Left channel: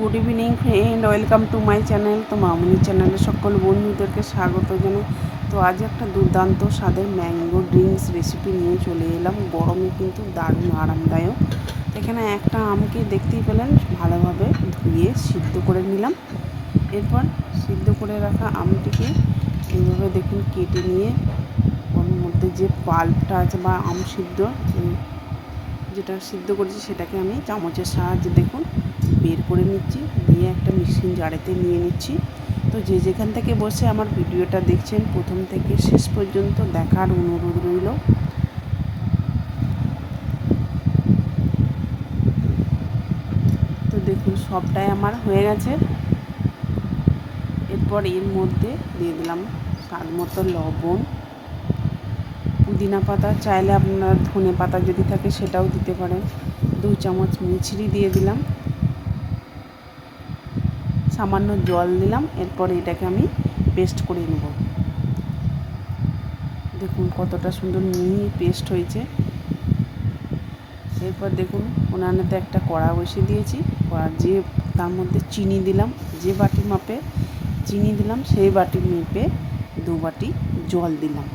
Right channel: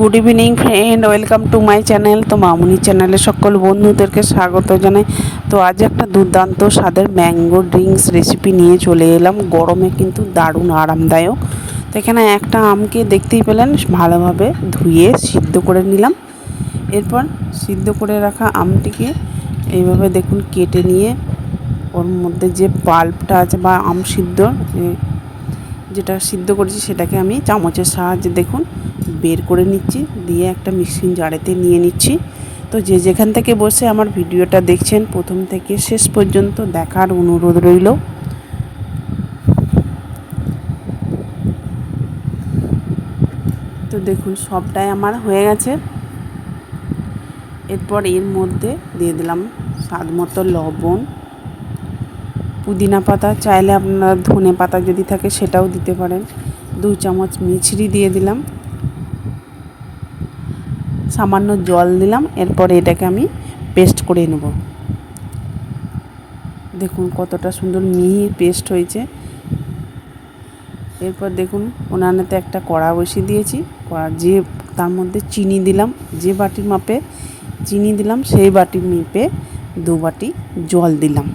Good evening friend, welcome to my channel. তো মামুনি চ্যানেলে সকল বন্ধুদেরকে স্বাগত জানাই। তো আজ একটা দুর্দান্ত স্বাদের ম্যাঙ্গো ড্রিঙ্কস রেসিপি নিয়ে চলে এলাম। গরমে কিন্তু দারুণ আরামদায়ক। তো এখানে একটা আমকে দেখতেই পেলেন ভালোভাবে ধুয়ে সিদ্ধ করে নিলাম। এরপর সিদ্ধ করে রাখা আমটিকে এইভাবে দেখুন কেটে নিয়ে ওর মধ্যে যে পাল্পটা আছে বা আম সিদ্ধ যেটা সিদ্ধ করেছি সেটাকে আমি চামচের সাহায্যে দেখুন বের করে নিচ্ছি, দিয়ে একটা মিক্সিং জারেতে নিয়ে নিচ্ছি। তো যে যেখান থেকে বসে আমার ভিডিওটা দেখছেন প্রথম থেকে শেষ পর্যন্ত দেখার অনুরোধ রইল। তো দেখুন সবটাই আমার হয়ে গেছে। এরপর এর মধ্যে দিয়ে দিলাম স্বাদ মতো লবণ, পুদিনা পাতা, চাইলে আপনারা ধনে পাতা যদি থাকে সেটাও দিতে পারেন, 2 চামচ মিছরি দিয়ে দিলাম, সামান্য জল দিলাম। এরপর এটাকে আমি পেস্ট করে নেব। দেখুন কতটা সুন্দর মিহি পেস্ট হয়েছে। এরপর দেখুন উনানেতে একটা কড়া বসিয়ে দিয়েছি। যে তার মধ্যে চিনি দিলাম, যে বাটির মাপে চিনি দিলাম সেই বাটির মেপে 2 বাটি জল দিলাম।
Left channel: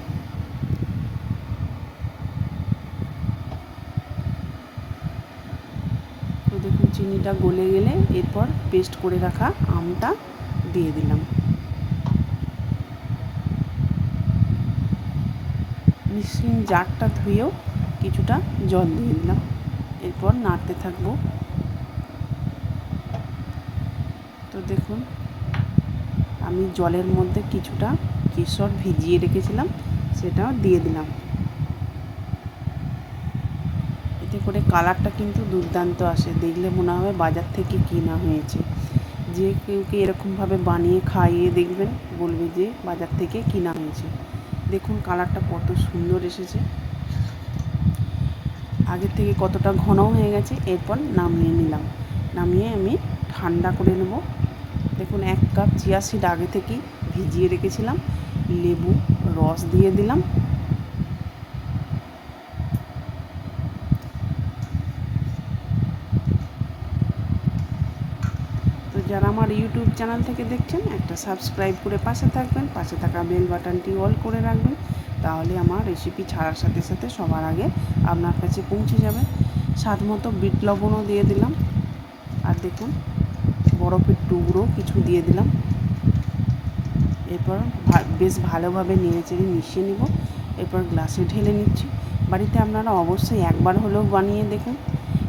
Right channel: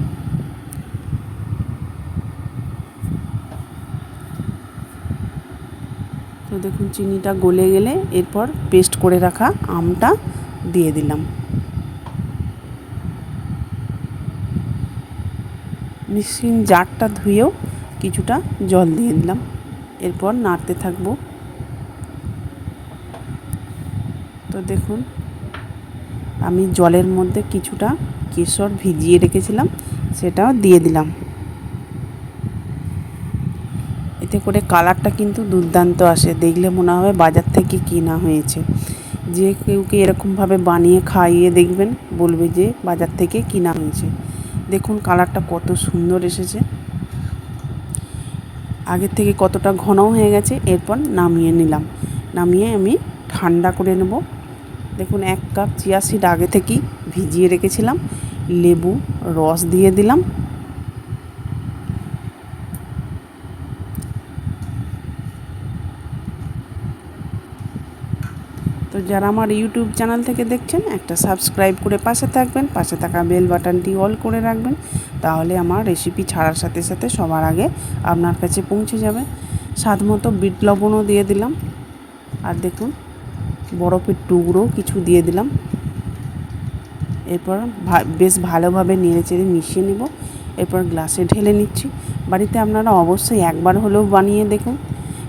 তো দেখুন চিনিটা গলে গেলে এরপর পেস্ট করে রাখা আমটা দিয়ে দিলাম। মিক্সিং জারটা ধুয়েও কিছুটা জল দিয়ে দিলাম। এরপর নাড়তে থাকবো। তো দেখুন আমি জলের মধ্যে কিছুটা কেশর ভিজিয়ে রেখেছিলাম, সেটাও দিয়ে দিলাম। এতে করে কালারটা কিন্তু দুর্দান্ত আসে, দেখলে মনে হবে বাজার থেকে কেনা হয়েছে। যে কেউকে এরকমভাবে বানিয়ে খাইয়ে দেখবেন, বলবে যে বাজার থেকে কেনা হয়েছে। দেখুন কালারটা কত সুন্দর এসেছে, আগের থেকে কতটা ঘনও হয়ে গেছে। এরপর নামিয়ে নিলাম, নামিয়ে আমি ঠান্ডা করে নেব। দেখুন 1 কাপ চিয়া সিড আগে থেকেই ভিজিয়ে রেখেছিলাম, লেবু রস দিয়ে দিলাম। তো যারা আমার ইউটিউব চ্যানেল থেকে দেখছেন একটা সাবস্ক্রাইব করে পাশে থাকবেন, পাশে থাকা বেল বাটনটি অল করে রাখবেন, তাহলে আমার রেসিপি ছাড়ার সাথে সাথে সবার আগে আপনার কাছে পৌঁছে যাবে। স্বাদ মতো বিট লবণও দিয়ে দিলাম। আর দেখুন বরফের টুকরো কিছু দিয়ে দিলাম। এরপর বেশ ভালোভাবে নেড়েচেড়ে মিশিয়ে নেব। এরপর গ্লাসে ঢেলে নিচ্ছি। বাড়িতে আপনারা অবশ্যই একবার হলেও বানিয়ে দেখুন,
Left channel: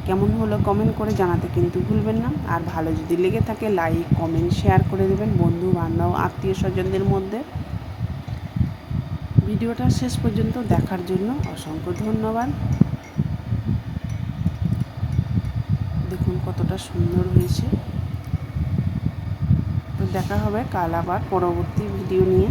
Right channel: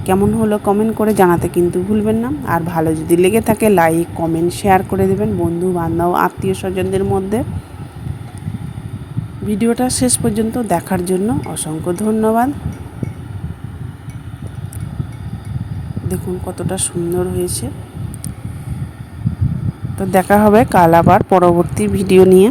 কেমন হলো কমেন্ট করে জানাতে কিন্তু ভুলবেন না। আর ভালো যদি লেগে থাকে লাইক কমেন্ট শেয়ার করে দেবেন বন্ধু বান্ধব আত্মীয় স্বজনদের মধ্যে। ভিডিওটা শেষ পর্যন্ত দেখার জন্য অসংখ্য ধন্যবাদ। দেখুন কতটা সুন্দর হয়েছে। তো দেখা হবে কাল আবার পরবর্তী ভিডিও নিয়ে।